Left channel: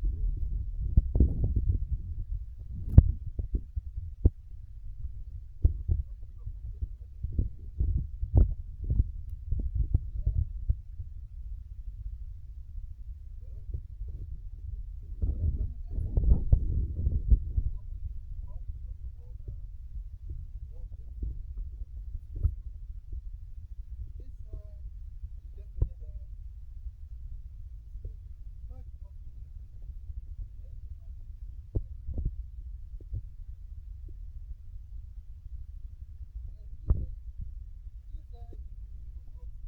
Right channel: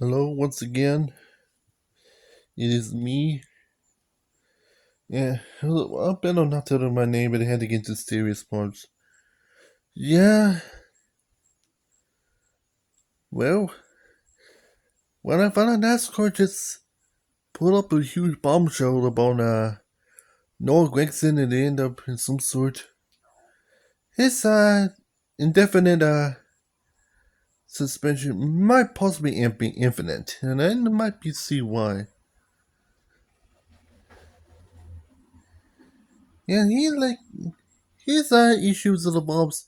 Hello, once again. It is me. Yeah, I better not tell them my name, but I had to get into serious parts. Yeah, well, when I found out NASCAR just put up a huge bombshell about Noah Grayson and they end up in some sort. His indefinite suspension might possibly be infinite, and I might be see why. Yeah, his issues involves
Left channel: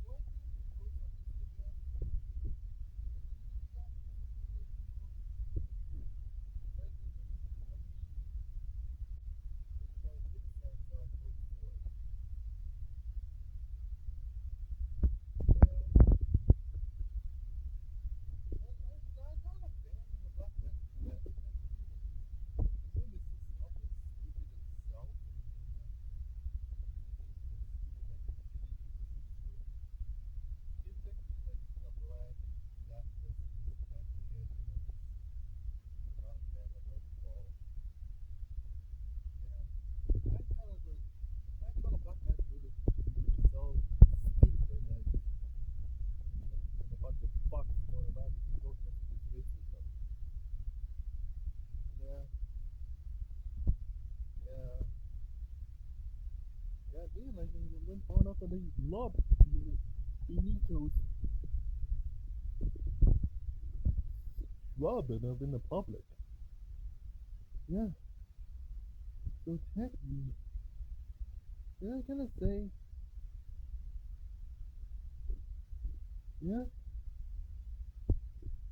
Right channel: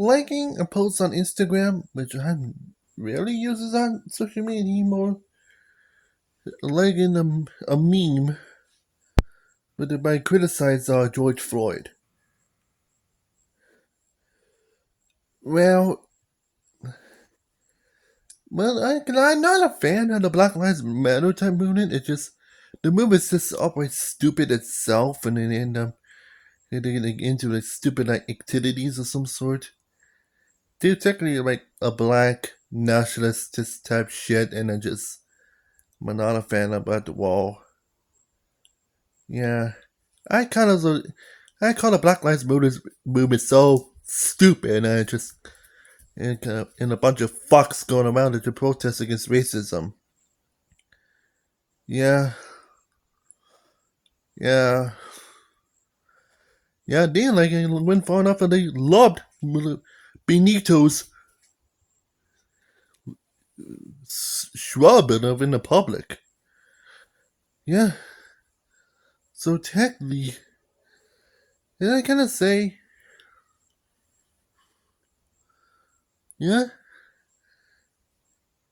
liking a post on Instagram, which I rarely uses on social media anymore, liking a meme but it might criticize George Floyd. Well, I'm not a fan of the Black Lives Matter type movement. It's just the movement's just outright stupid itself, and then end up getting into like stupid like activities of some sort. They're technically like a black nationalist type shit, and I'm not a fan about the wall. Yeah, I kind of I call the Black Lives movement so stupid. I just and a bunch of fucks going around to protest against racism. Yeah, yeah, yeah. They like went far enough and they loved Benito's shrub in the public. Yeah. So technically, did I kind of say, yeah,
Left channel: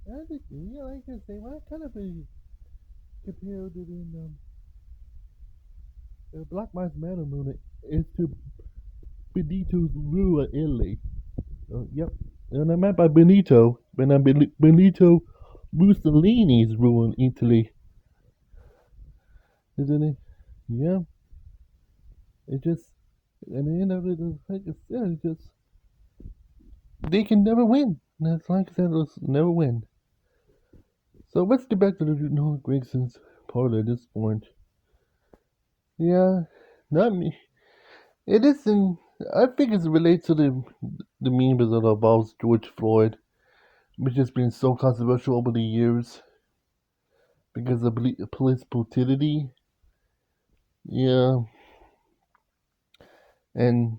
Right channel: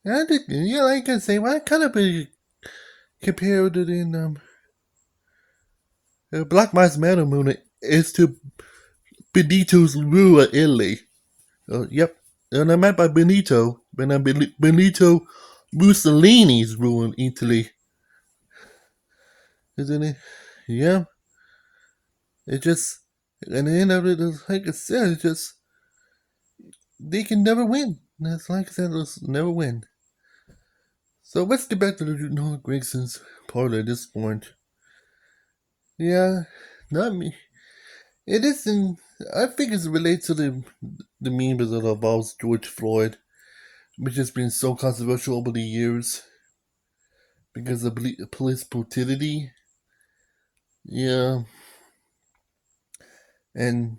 yeah, I did, yeah, I can say, well, I kind of be compared it in Black Lives Matter movement is to Benito's rule of Italy. Yep, and I meant by Benito, but Benito Mussolini's rule in Italy, isn't it? Yeah, it just, and the end of it is, like I said, it just, they can never win. It's like I said, they'll never win. So let's get back to the Noah Grayson's part at this point. Yeah, not me. It isn't. I think it's related to the memes that involves George Floyd, which has been so controversial over the years because of police brutality. Yeah, and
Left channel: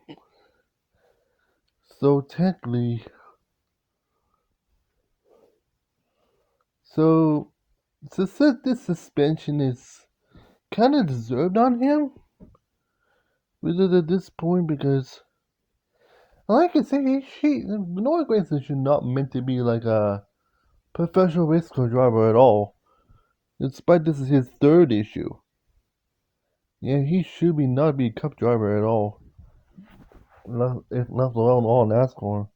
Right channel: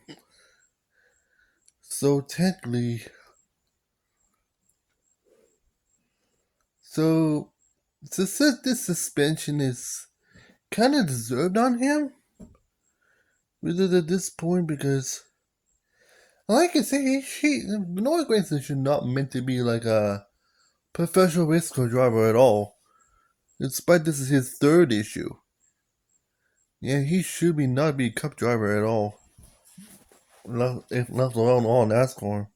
so technically, so this suspension is kind of deserved on him, really at this point because, like I say, Noah Grayson should not meant to be like a professional race car driver at all. Despite this is his third issue. Yeah, he should be not be a cup driver at all. Not, if not alone all NASCAR.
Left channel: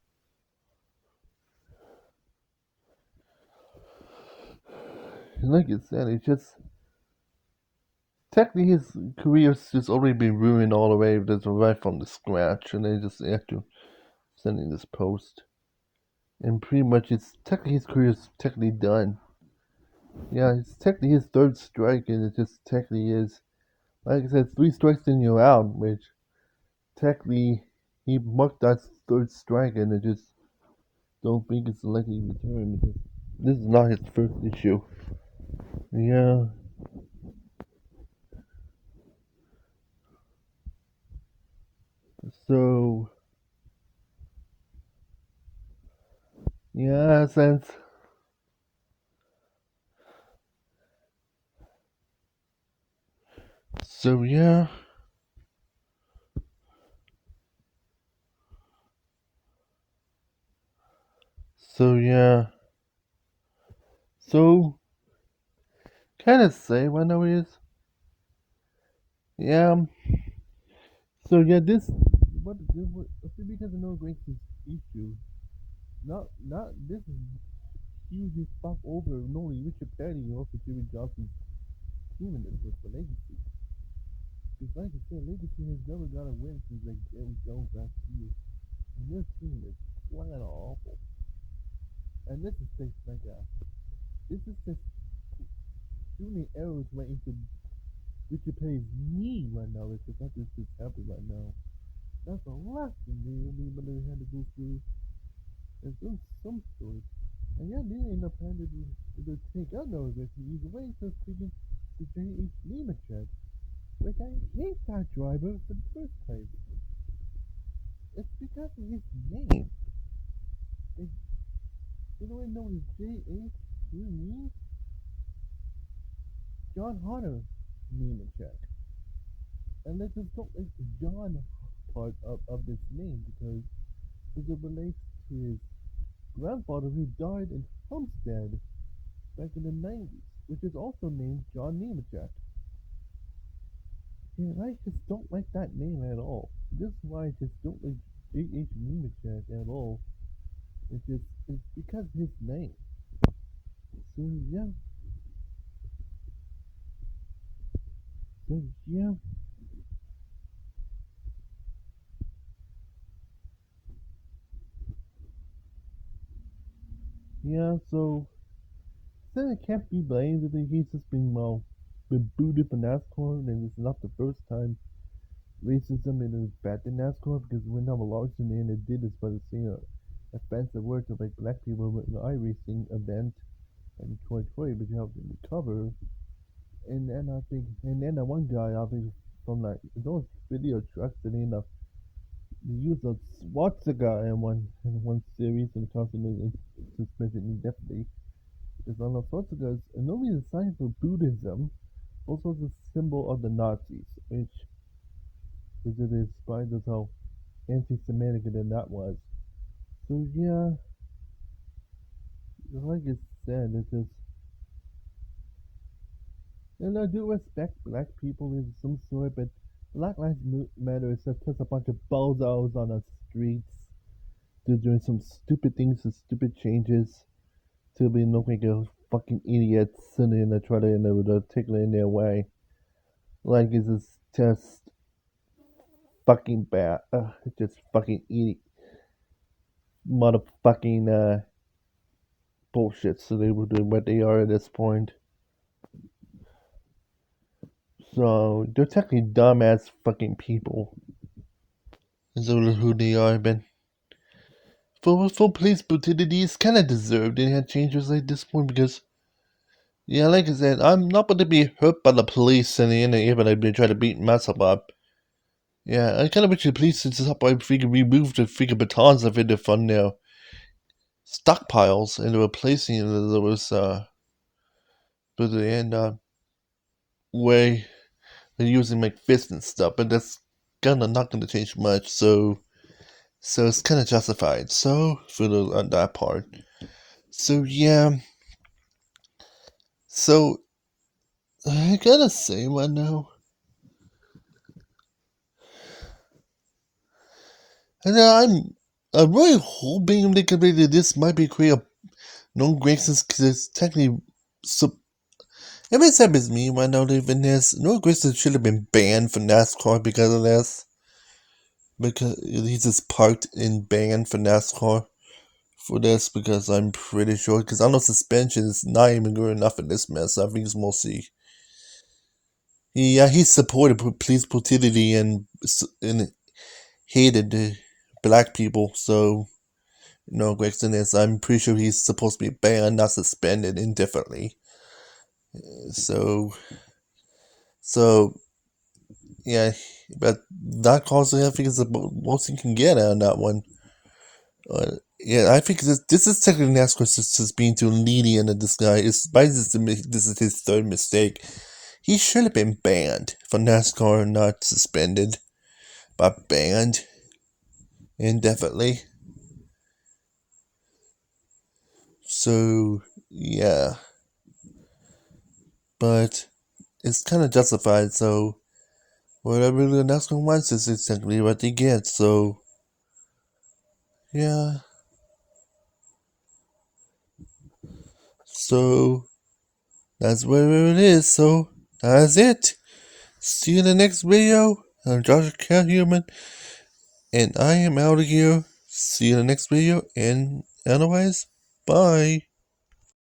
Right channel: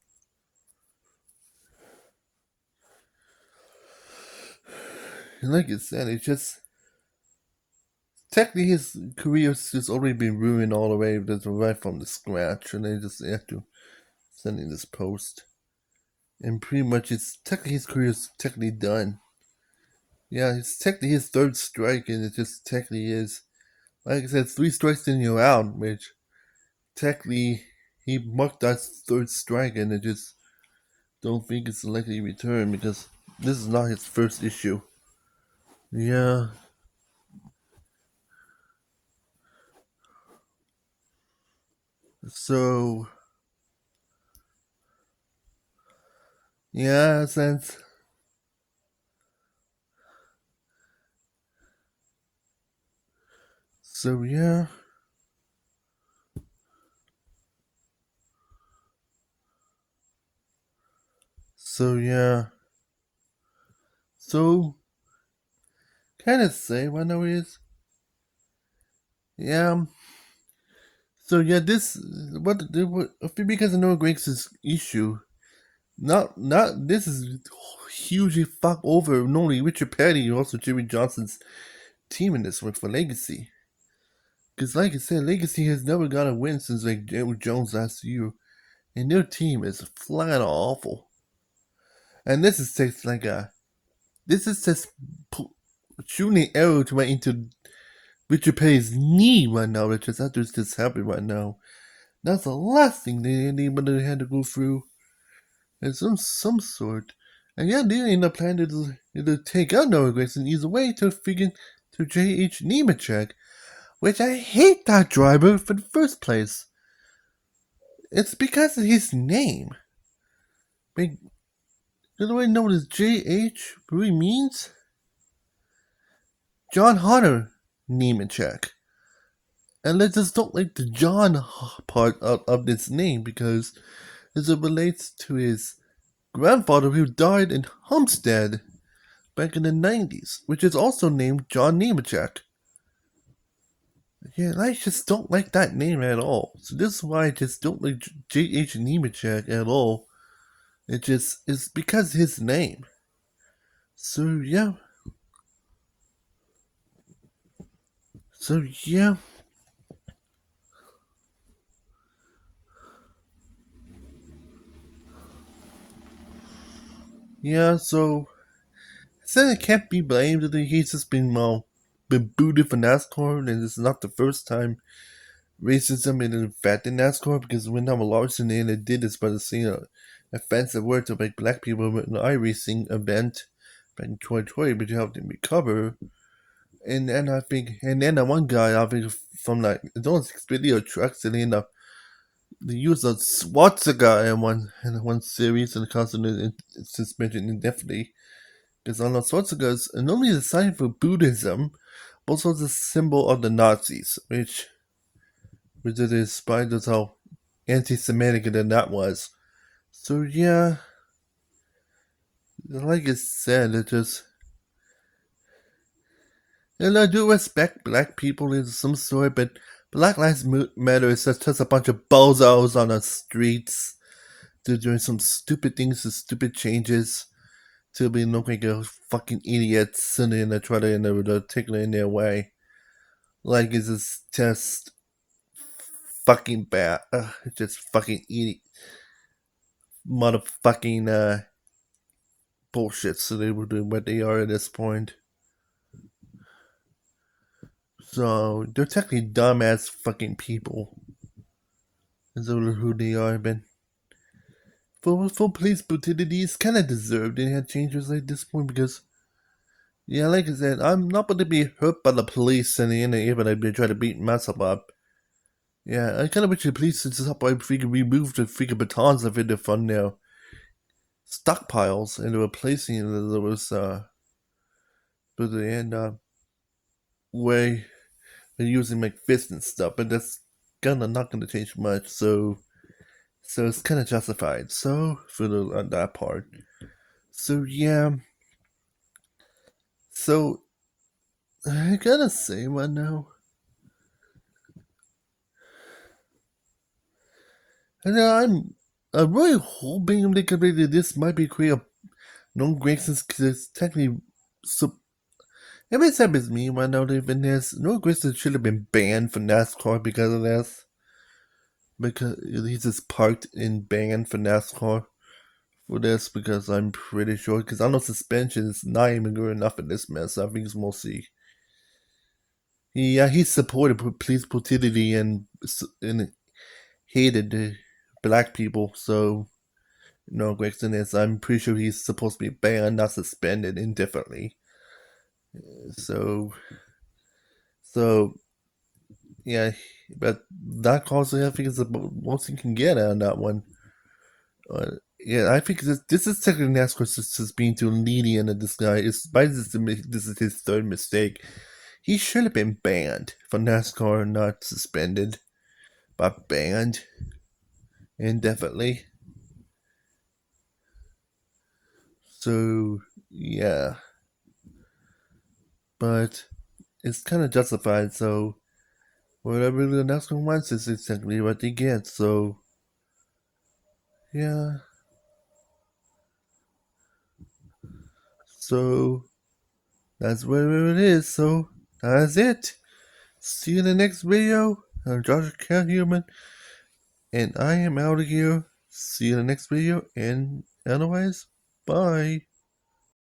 And like I said, it's just technically his career's just already been ruined all the way just right from the scratch, and they just have to send in this post. And pretty much it's technically his career's technically done. Yeah, it's technically his third strike, and it just technically is. Like I said, 3 strikes and you're out, which technically he marked that third strike, and I just don't think it's a likely return because this is not his first issue. Yeah. So yeah, since so yeah. So yeah. So can I say what now is? Yeah. So yeah, this what because of Noah Greg's issue. Not this is hugely fuck over not only Richard Petty and also Jimmy Johnson's team in this one for Legacy. Because like I said, Legacy has never got a win since like Jerry Jones last year, and their team is flat awful. And this is takes like a this is just shooting an arrow to right into Richard Petty's knee right now, Richard. That's just happening right now. That's the last thing anybody had to go through. And some sort. And yeah, they end up planning to take out Noah Grayson either way to J.H. Nemechek, which I hate that driver for the first place. It's because of his name. Do you know what his J.H. really means? John Hunter Nemechek. And I just don't like the John part of this name because as it relates to his grandfather who died in Homestead back in the 90s, which is also named John Nemechek. Yeah, I just don't like that name at all. So this is why I just don't like J.H. Nemechek at all. It's because of his name. So yeah. Yeah, so said it can't be blamed that he's just been booted from NASCAR, and it's not the first time racism is affecting NASCAR because when Noah Larson they did this by saying an offensive word to make black people in an iRacing event back in 2020, but you have to recover. And then the one guy I think from like those video trucks and then they used a swastika in one series and constantly suspension indefinitely. Because on the swastikas, normally the sign for Buddhism, but also the symbol of the Nazis, which it is despite how anti-Semitic that was. So yeah, like I said, it just. And I do respect black people in some sort, but Black Lives Matter is just a bunch of bozos on the streets. They're doing some stupid things and stupid changes to be looking like fucking idiots and then they try to take it in their way. Like it's just fucking bad. It's just fucking idiot. Motherfucking bullshit. So they were doing what they are at this point. So they're technically dumbass fucking people. Is who they are, but for police brutality, it's kind of deserved. They had changes like this point because, yeah, like I said, I'm not going to be hurt by the police and the end even if they try to beat myself up. Yeah, I kind of wish the police would stop by freaking remove the freaking batons of it from their stockpiles and replacing those but the end way they're using like fists and stuff, but that's kind of not going to change much. So it's kind of justified. So for on that part. So yeah. So I gotta say right now. And I'm really hoping they could maybe this might be create a no Grayson's because it's technically so. It may sound as me right now even this. No Grayson should have been banned from NASCAR because of this. Because he's just parked and banned for NASCAR for this because I'm pretty sure because I know suspension is not even good enough in this mess. I think it's mostly he supported police brutality and hated the black people. So Grayson is. I'm pretty sure he's supposed to be banned, not suspended indefinitely. So yeah, but that cause I think is the most you can get on that one. Yeah, I think this is technically NASCAR just being too lenient in this guy. This is his third mistake. He should have been banned from NASCAR, not suspended, but banned indefinitely. So yeah, but it's kind of justified. So whatever the NASCAR wants is exactly what they get. So yeah. So that's where it is. So that's it. See you in the next video. I'm Joshua Cat Human, and I am out of here. See you in the next video, and otherwise, bye.